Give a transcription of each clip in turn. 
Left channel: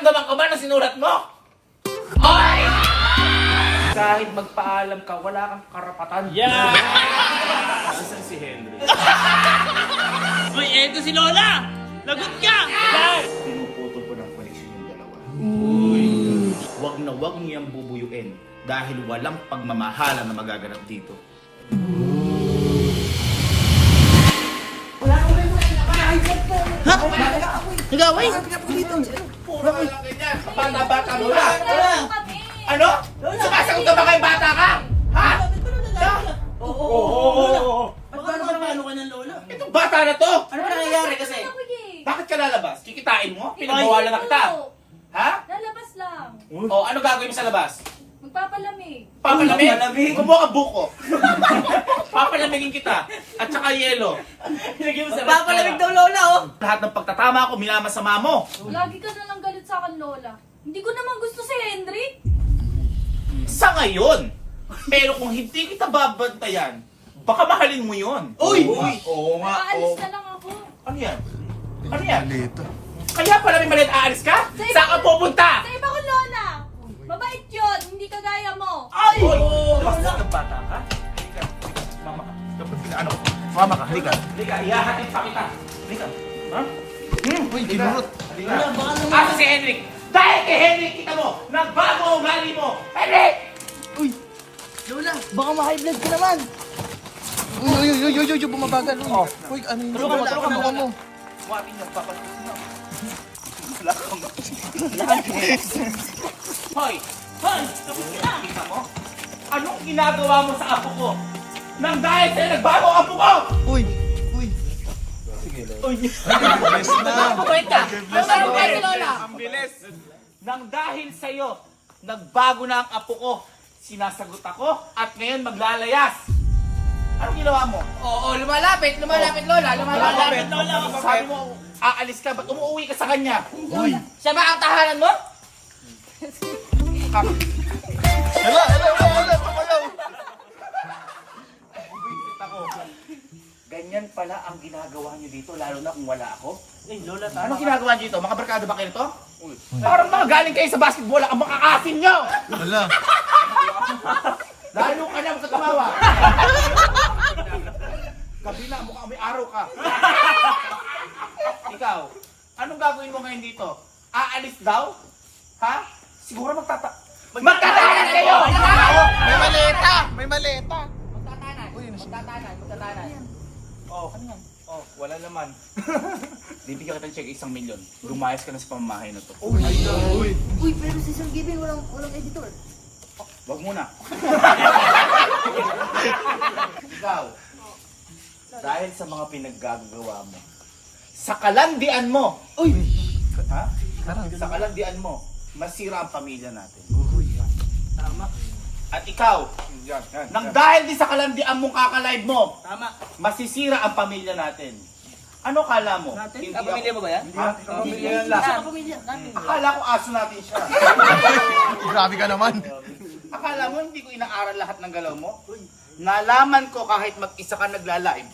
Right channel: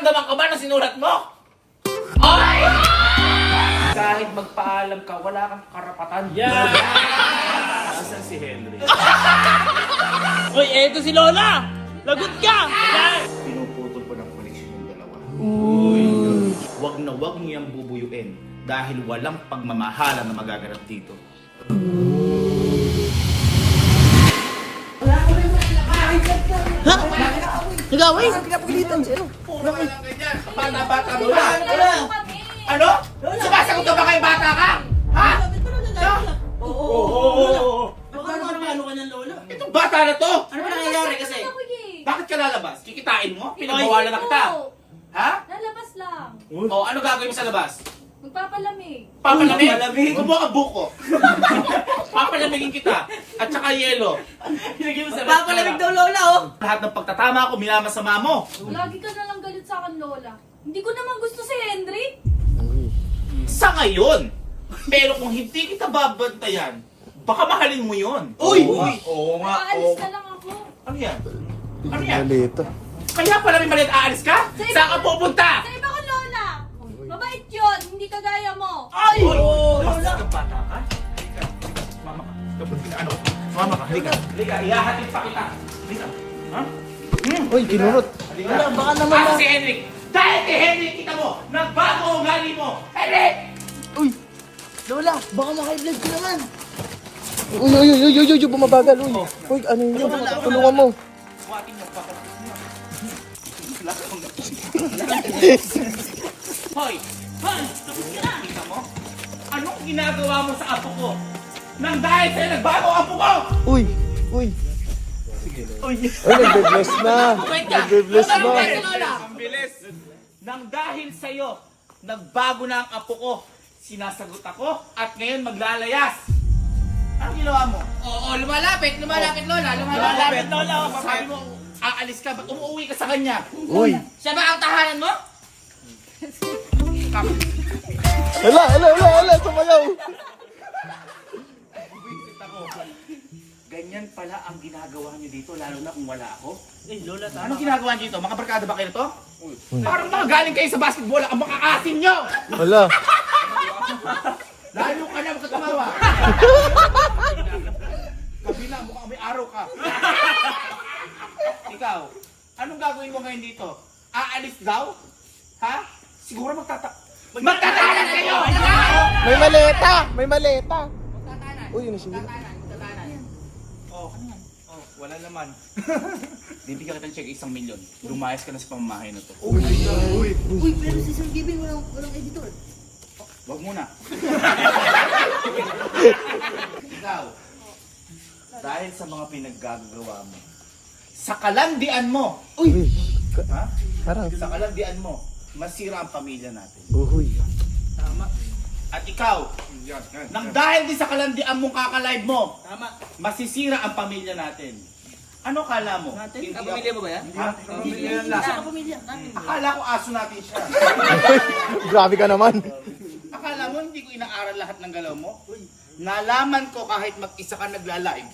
nararamdaman ka ba na sinulat mo? Ay! Kahit magpaalam ka, wala kang karapatan. Yeah! Nasaan si Henry? Uy, eto si Lola! Lagot ka! Pinuputol ko ng koneksyon yung dalawa. Uy! Wag na wag niyang bubuyuin dahil walang pagmamahalan na magaganap dito. Nagaway? Puro ka lang ganyan. Bata-bata Lola. Ano? Sumasagot ka ba kay bata ka? Ha? Oo. Magkano ba naman ka ng lola? Itong bata na to! Ano ba nangyayari kasi? Bakit ka lalabas? Kikitain mo? Pinagbawalan na kita. Ha? Lalabas lang. O, ano gagawin mo sa labas? Magpapalamig. Papalamig? Papalamig? Kumuha ka buko. Papalamigin kita. At saka yelo. Papalamig daw lola oh! Lahat ng pagtatama ko, minamasama mo. Lagi ka na lang galit sa akin, Lola. Hindi ko naman gusto si Henry. Sa ngayon. Pero kung hindi kita babantayan, baka mahalin mo yun. Uy! Oo nga. Aalis na lang ako. Ano yan? Ano yan? Malito. Kaya pala may maliit aalis ka? Saan ka pupunta? Sa iba ko, Lola. Mabait yun. Hindi kagaya mo. Ay! Basta ka bata ka? Halika. Mama ka. Dapat ano? Mama ka. Halika. Halika. Ihahatid pa kita. Halika. Ha? Uy, kinurot. Halika. Asa si Henrik? Dahil kay Henrik, kita mo, nagbago ang ugali mo. Henrik! Lola, baka ma-high blood ka naman! Uy, bumabagal. Uy, ano yung tulungan mo? Buhatin niyo, papalakas niyo. Wala kang... Hoy! Hoy! Kita mo? Anong ginagawa mo sa apo ko? Nang dahil sa'yo nagbago ang apo ko! Uy. Uy! Nag-bless na. Wait ka! Nag-bless Lola, na. si Lola! Ang bilis! Nang dahil sa'yo, nagbago na ang apo ko. Sinasagot ako at ngayon maglalayas. Anong ginawa mo? Oo, lumalapit Lola, Lumalapit, Lola. Sabi mo, aalis ka, ba't umuwi ka sa kanya? Uy. Siya ba ang tahanan mo? Wala. Sumalaw. Buwisit ako. Ganyan pala ang ginagawa niyo dito, lalo na kung wala ako. Lola, Anong ginagawa niyo dito? Mga barkada ba kayo to? Parang mga galing kayo sa basketball, ang mga asin niyo! Wala. Lalo ka lang katumawa. Kabila, mukhang may araw ka. Ikaw, anong gagawin mo ngayon dito? Aalis daw? Ha? Siguro magtatahanan kayo! May maleta. Magtatanan. Uy, ano siya? Magtatanan. Oh, ano yan? Oh, wala naman. Bibigyan kita ng check 1 milyon. Lumayas ka na sa pamamahay na to. Uy, pero si Sir Giving walang editor. Wag muna. Ikaw, dahil sa mga pinaggagawa mo, sa kalandian mo, ha? Sa kalandian mo, masira ang pamilya natin. Tama. At ikaw, nang dahil din sa kalandian mong kakalive mo, Tama. masisira ang pamilya natin. Ano kala mo? Natin? Hindi Pamilya ako- mo ba yan? Ha? Pamilya yan lang. Sa pamilya. Natin. Akala ko aso natin siya. Grabe ka naman. Akala mo hindi ko inaaral lahat ng galaw mo? Nalaman ko kahit mag-isa ka nagla-live.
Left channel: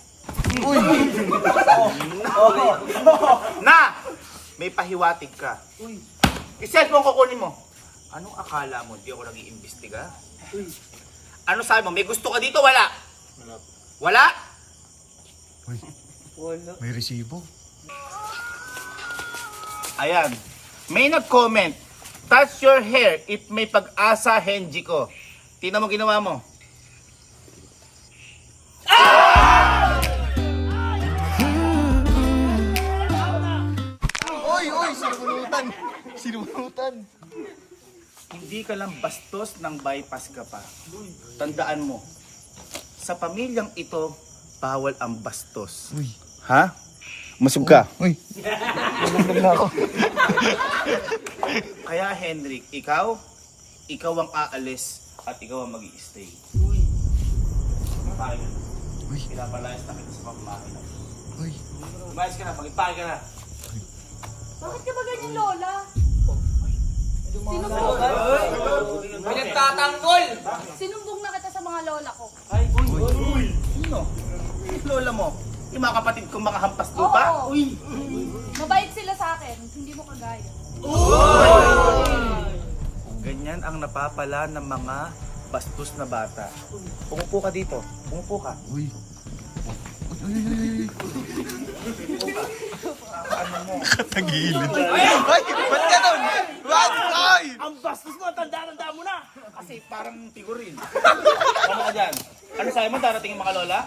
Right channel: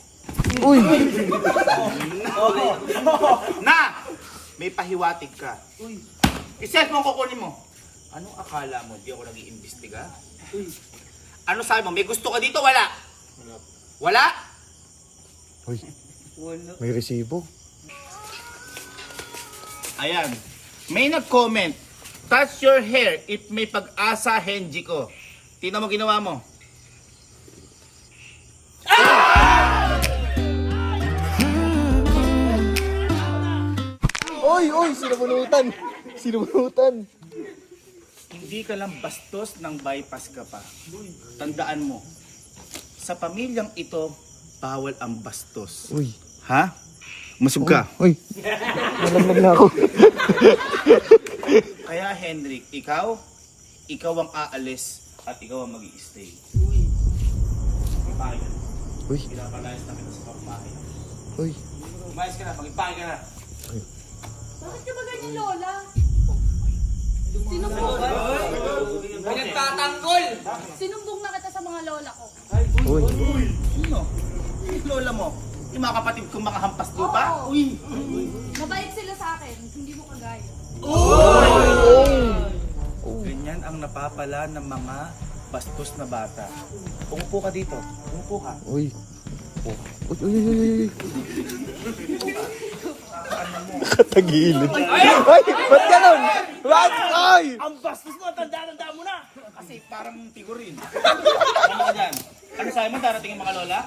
Na! May pahiwatig ka. I-cellphone ko kunin mo. Anong akala mo? Di ako nag-iimbestiga? Ano sabi mo? May gusto ka dito? Wala? Wala? Uy, may resibo. Ayan. May nag-comment. Touch your hair if may pag-asa, Henji ko. Tingnan mo ginawa mo. Uy, sinubunutan. Hindi ka lang bastos ng bypass ka pa. Tandaan mo, sa pamilyang ito, bawal ang bastos. Uy. Ha? Masug ka. Uy. Kaya Henrik, ikaw ang aalis at ikaw ang mag-i-stay. Magpahig ka na. Uy. Pinapalayas na kita sa pamamahay na. Uy. Umayos ka na, magpahig ka na. Bakit ka ba ganyan, Lola? Pinagtatanggol! Sinumbong na kita sa mga lola ko. Sino? Si lola mo? Yung mga kapatid kong makahampas lupa? Oo. Mabait sila sa akin. Hindi mo kagaya. Uy! ang napapala ng mga bastos na bata. Umupo ka dito. Umupo ka. Uy. Uy. Katagilid. Ay! Ba't ganun? Ay! Ang bastos mo, tanda-tanda mo na. Kasi parang figurin. Ano ka dyan? Ano sa'yo mo, darating yung mga lola?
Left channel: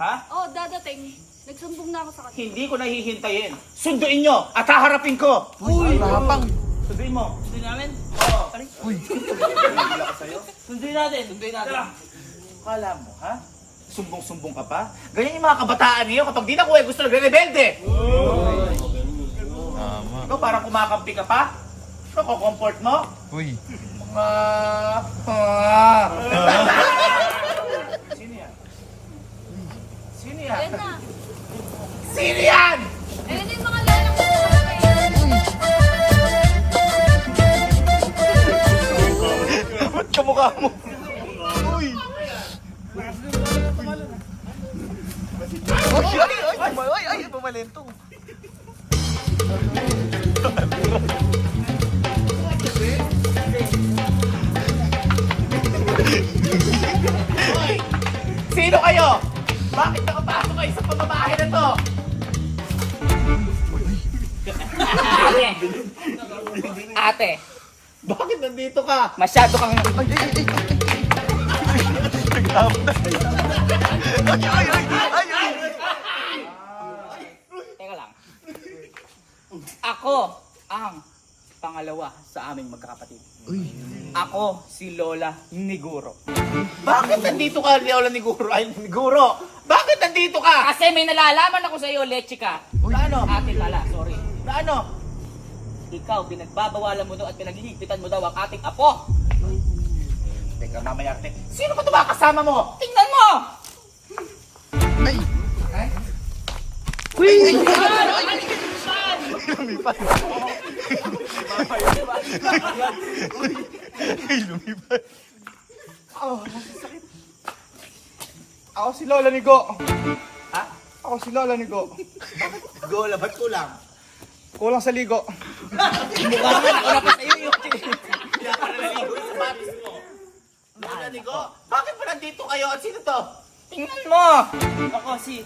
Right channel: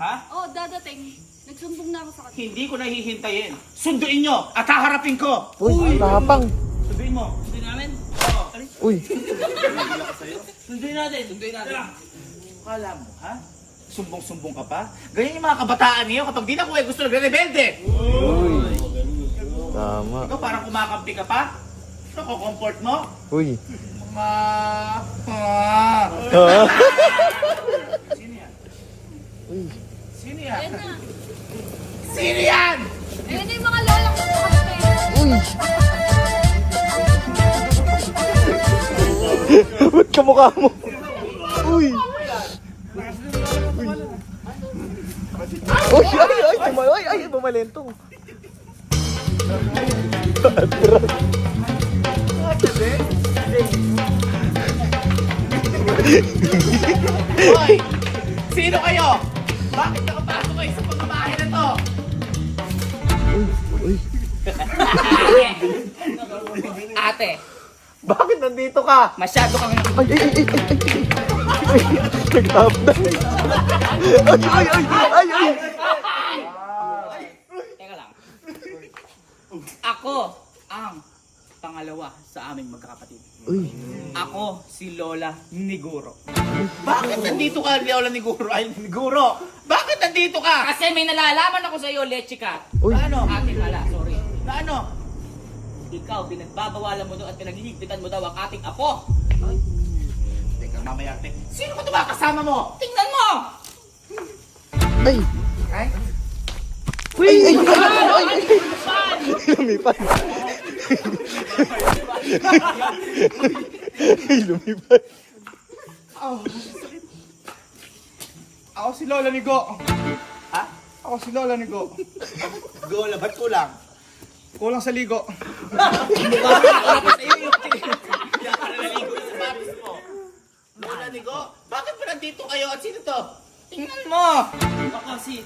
Ha? Oh, dadating. Nagsumbong na ako sa kanya. Hindi ko nahihintayin. Sunduin nyo at haharapin ko. Uy, mapang. Sunduin mo. Sundin namin. Oo. Uy. Sundin natin. Sundin natin. Kala mo, ha? Sumbong-sumbong ka pa? Ganyan yung mga kabataan niyo kapag di na kuha gusto nagre-rebelde. Tama. Ikaw parang kumakampi ka pa? Ito, comfort mo? Uy. Mga... Sino yan? Sino yan? Ayan na. Sino yan? Ayan na yung mga lola ko. Kamukha mo. Uy. Ay, bumalento. Hoy! Sino kayo? Bakit nakapasok kayo sa pamamahay na to? Ate, Bakit nandito ka? masyado kang... Teka lang. Ako ang pangalawa sa aming magkakapatid. Uy. Ako si Lola Niguro. Bakit nandito ka, Lola ni Guro? Ay, ni Guro! Bakit nandito ka? Kasi may nalalaman ako sa iyo, Lechika. Uy. Na ano? Ate pala, sorry. Na ano? Ikaw, pinagbabawalan mo daw at pinaghihigpitan mo daw ang ating apo. Teka, mamaya. Sino ba ito ba kasama mo? Tingnan mo! Ay. Ay? Uy. Lumipat. Ako si Lola ni Go. Ha? Ako si Lola ni Go. Go, ba't kulang? Kulang sa ligo. Wala pa sa iyo yung Kaya ka naliligo sa sapatos mo. Lola ni Go, bakit pa nandito kayo at sino to? Tingnan mo! Ako si...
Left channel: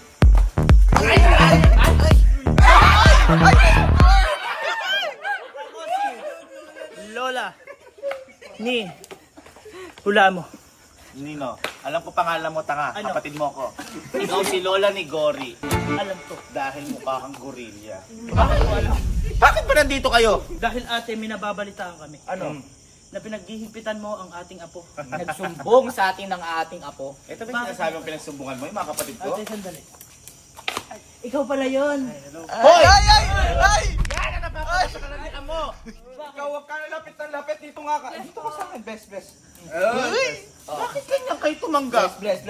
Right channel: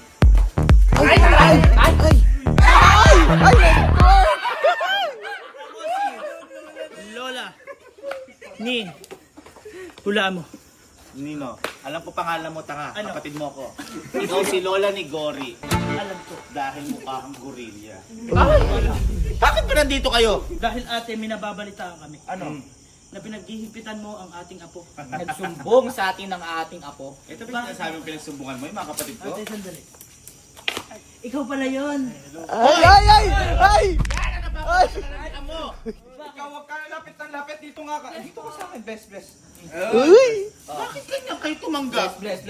Lola ni hula mo. Nino, alam ko pangalan mo, tanga. Ano? Kapatid mo ko. Ikaw si Lola ni Gori. Alam ko. Dahil mukha kang gorilla. Bakit pa nandito kayo? Dahil ate, minababalitaan kami Ano? na pinaghihigpitan mo ang ating apo. Nagsumbong sa atin ng ating apo. Ito ba yung sinasabi mong pinagsumbungan mo, yung mga kapatid ko? Ate, sandali. Ikaw pala yon. Hoy! Ay! Yan ang napapagsalalian mo! Ikaw huwag ka lapit na lapit. Dito nga ka. Dito ka sa akin, best. Uy! Bakit ganyan kayo tumanggap? Bless.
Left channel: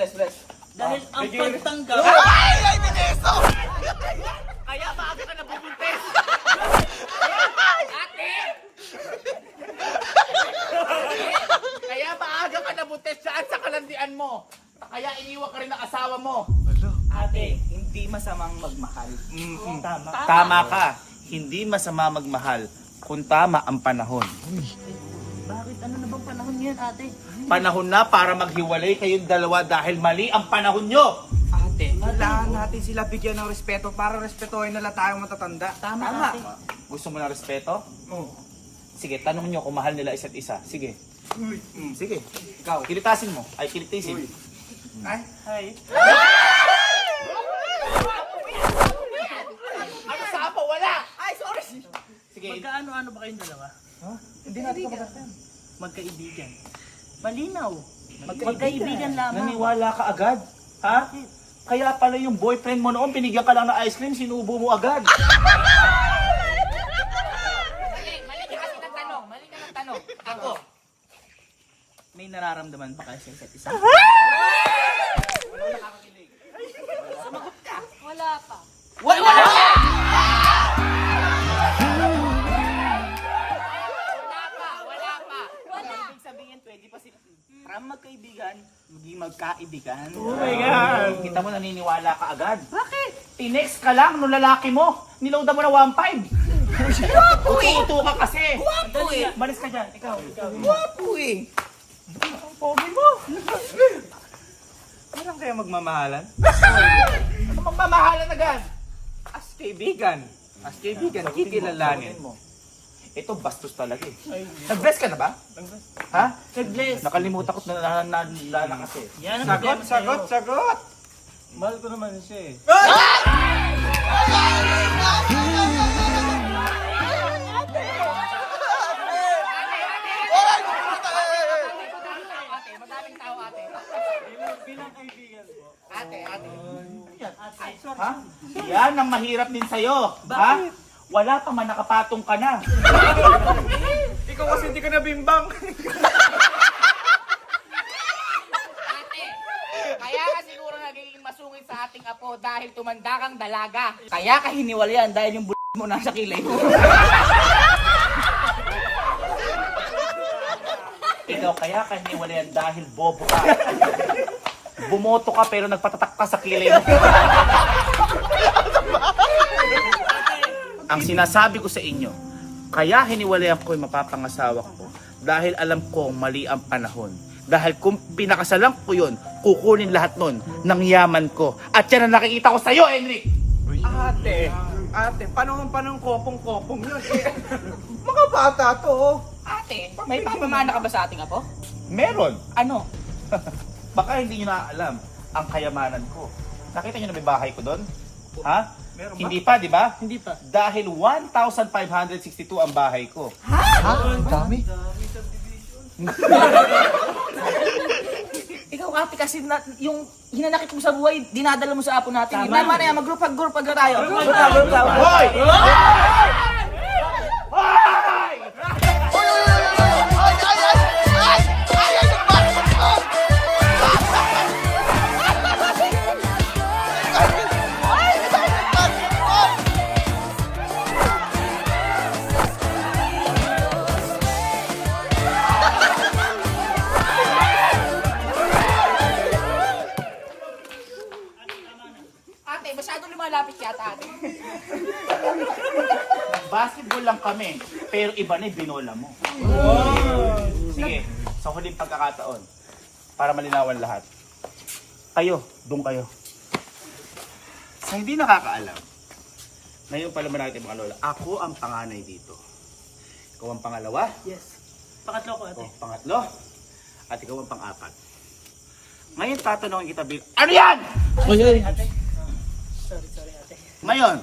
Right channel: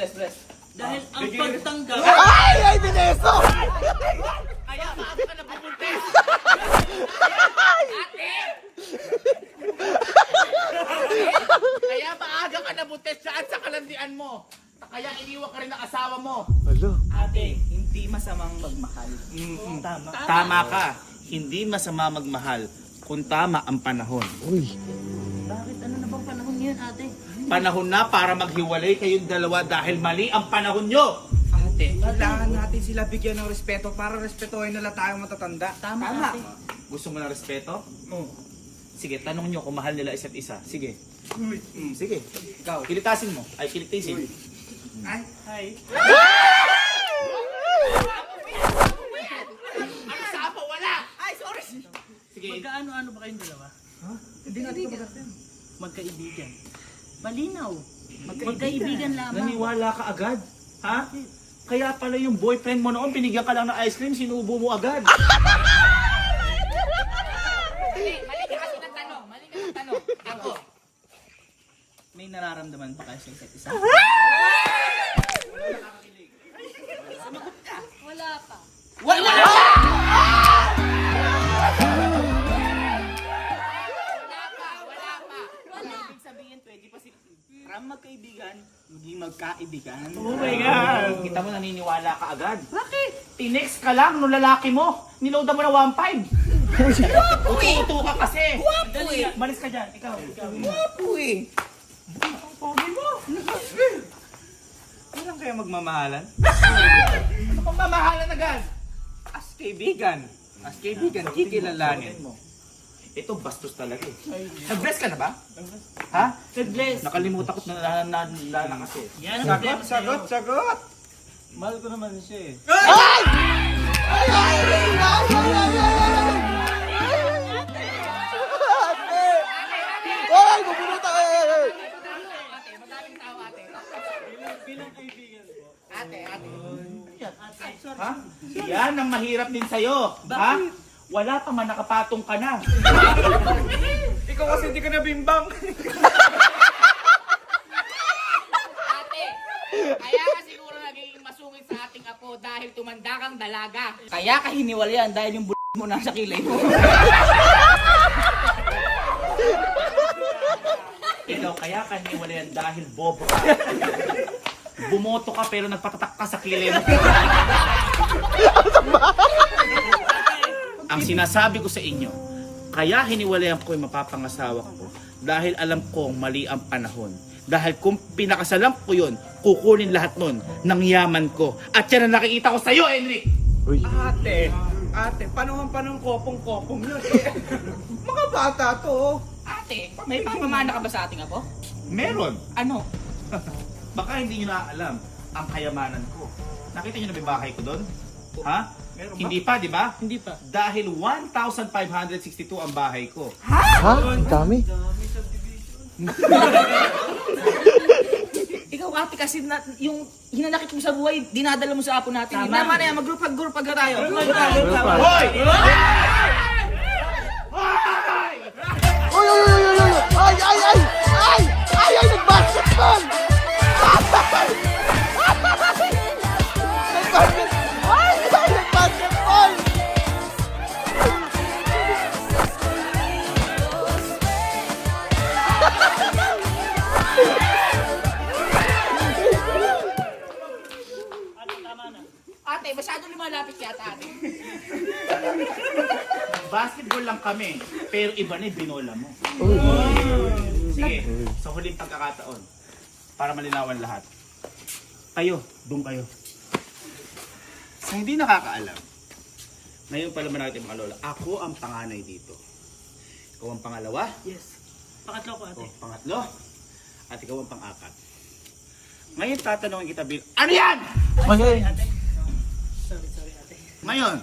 Dahil ang pagtanggap... Ay, Vanessa! Kaya maaga ka nabubuntes! Kaya maaga ka nabuntes saan sa kalandian mo? Kaya iniwan ka rin ng asawa mo. Ate, hindi masamang magmahal. Tama. Tama ka. Hindi masama magmahal kung tama ang panahon. Uy. Bakit? Ano na bang panahon ngayon, ate? Panahon na para maghiwalay kayong dalawa dahil mali ang panahon nyo. Ate, Kailangan natin sila bigyan ng respeto para respetuhin nila tayong matatanda. tama. Ate. Gusto mo ng respeto? Oo. Sige, tanong nyo kung mahal nila isa't isa. Sige. Sige. Ikaw, kilitasin mo. Ay, kilitisin. Ay, Hi. Ano sa apo? Wala! ay, sorry! Sige, Magkaano-ano ba kayong dalawa? Hindi natin kapatid. Magkaibigan. Malinaw. Magkaibigan lamang. naniwala ka agad? Ha? Kaya pala yung boyfriend mo noon, binigyan ka lang ng ice cream, sinubo mo agad. Mali ka kasi ng tanong. Mali ka ng tanong. Ako. May nararamdaman ba kayo sa isa't isa? Wala pa. Wala! Wala. Ibig sabihin, pwede pa sila from magkaibigan, maging magkaibigan. Oh my God! Kita mo, naniniwala ka agad. Bakit? Tinext ka lang nung lalaki mo. Niloadan mo na 1.5. Uto ka kasi. Dali. eh. Malis ka dyan, ikaw. Wapo eh. Ang pogi mo. Kailan kaya magmamahalan? Ano magmamahalan agad? As kaibigan. As kaibigan, kikilalanin. Ito bastos talaga eh. Nag-bless ka na ba? Ha? Nag-bless. Nakalimutan ko na kasi. Yan Sagot! Mahal ko naman siya eh. Ate, madaming tao ate. Bilang kaibigan po. Ate. Ha? Yan ang mahirap din sa'yo. Ha? Wala pa man nakapatong ka na. Ikaw kasi hindi ka nabimbang. Kaya ka siguro naging masungit sa ating apo dahil tumanda kang dalaga. Kaya ka hiniwalayan dahil yung mo nasa kilay mo. Ikaw kaya ka niwalayan dahil bobo ka. Bumoto ka pero nagpatatak ka sa kilay mo. Ang sinasabi ko sa inyo, kaya hiniwalayan ko yung mapapangasawa ko dahil alam kong mali ang panahon. Dahil kung pinakasalan ko yun, kukunin lahat nun ng yaman ko. At yan ang nakikita ko sa'yo, Enric! Ate, panong kopong-kopong yun. Mga bata to. Ate, may papamana ka ba sa ating apo? Meron! Ano? Baka hindi nyo naaalam ang kayamanan ko. Nakita nyo na may bahay ko doon? Ha? Meron ba? Hindi pa, di ba? Hindi pa. Dahil 1,562 ang bahay ko. Ikaw ate kasi yung hinanakit mo sa buhay, dinadala mo sa apo natin. Tama na yan, mag-group-group na tayo. Hoy! Hoy! Ate, masyado lumalapit yata ate. Basketball lang kami, pero iba na yung binola mo. Sige, sa huling pagkakataon, para malinawan lahat. Kayo, doon kayo. Sa hindi nakakaalam, ngayon pala natin mga lola, ako ang panganay dito. Ikaw ang pangalawa, Yes. Pangatlo ko ako ang pangatlo, at ikaw ang pang-apat. Ngayon tatanungin kita, Bill, ano yan? Sorry ate. Sorry ate. Ngayon,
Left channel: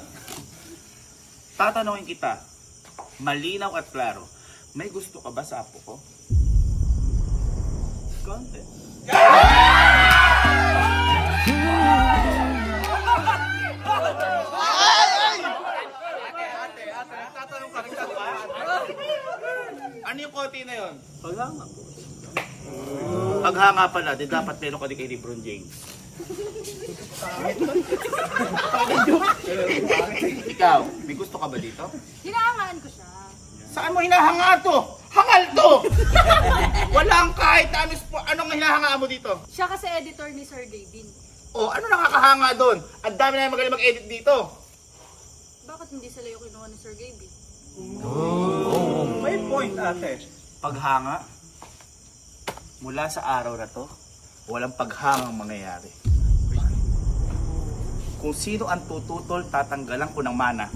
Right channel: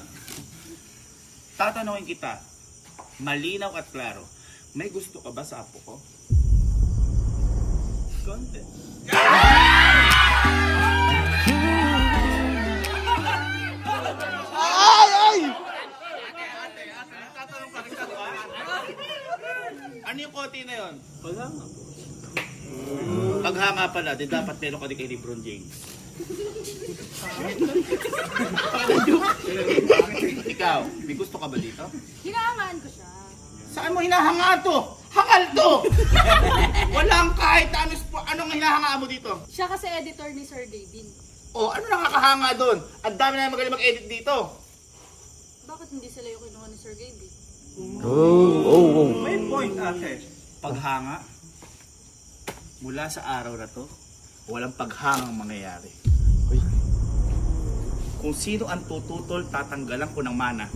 tatanungin kita, malinaw at klaro, may gusto ka ba sa apo ko? Konti. Ano yung konti na yun? Paghanga po. Paghanga pala, di dapat meron ka din kay Lebron James. Ikaw, may gusto ka ba dito? Hinahangaan ko siya. Saan mo hinahanga to? Hangal to! Walang kahit anong hinahangaan mo dito. Siya kasi editor ni Sir David. O, ano nakakahanga doon? Ang dami na magaling mag-edit dito. Bakit hindi sila yung kinuha ni Sir David? May point, ate. Paghanga, mula sa araw na to, walang paghangang mangyayari. Kung sino ang tututol, tatanggalan ko ng mana.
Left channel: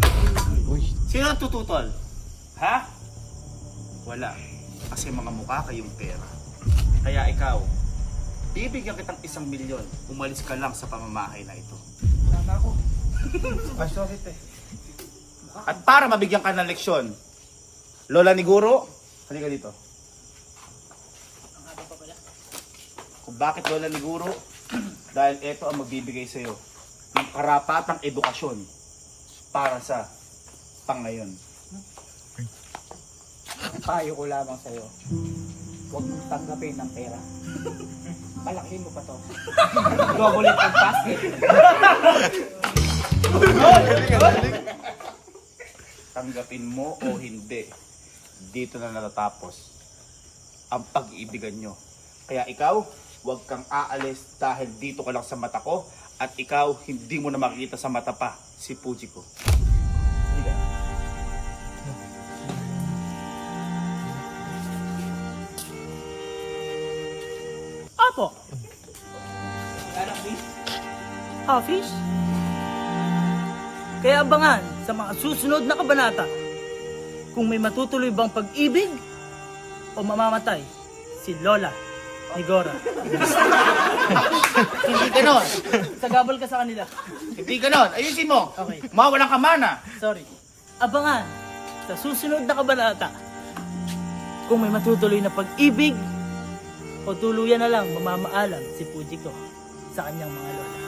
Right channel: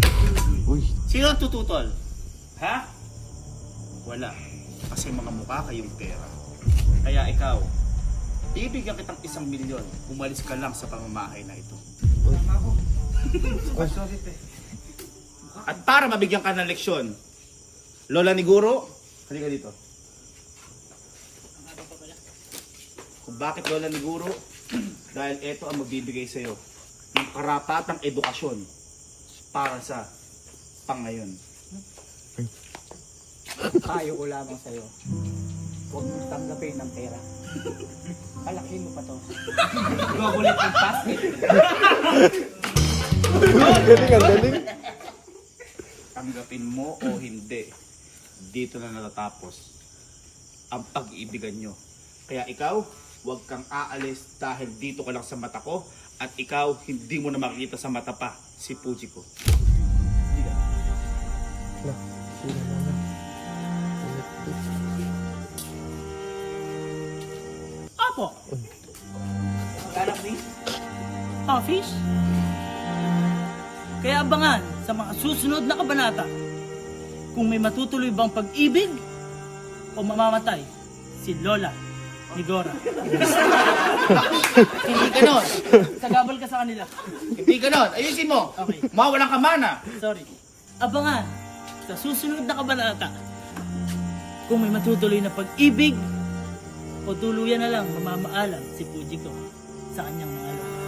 Sino ang tututol? Ha? Wala. Kasi mga mukha kayong pera. Kaya ikaw, bibigyan kitang 1 milyon. Umalis ka lang sa pamamahay na ito. Tama ako. Sorry, te. At para mabigyan ka ng leksyon, Lola ni Guro, halika dito. Kung bakit Lola ni Guro? Dahil ito ang magbibigay sa'yo ng karapatang edukasyon para sa pangayon. Payo ko lamang sa'yo. Huwag mong tanggapin ng pera. Palakin mo pa to. Double it and pass it. Tanggapin mo o hindi, dito na natatapos ang pag-iibigan nyo. Kaya ikaw, huwag kang aalis dahil dito ka lang sa mata ko at ikaw hindi mo na makikita sa mata pa si Puji ko. Hindi ka. Opo. Anak please. Fish? Kaya abangan sa mga susunod na kabanata kung may matutuloy bang pag-ibig o mamamatay si Lola ni Gora. Hindi ganon. Sagabal ka sa kanila. Hindi ganon. Ayusin mo. Okay. Mawalan ka mana. Sorry. Abangan sa susunod na kabanata kung may matutuloy na pag-ibig o tuluyan na lang mamamaalam si Fujiko sa kanyang mga lola.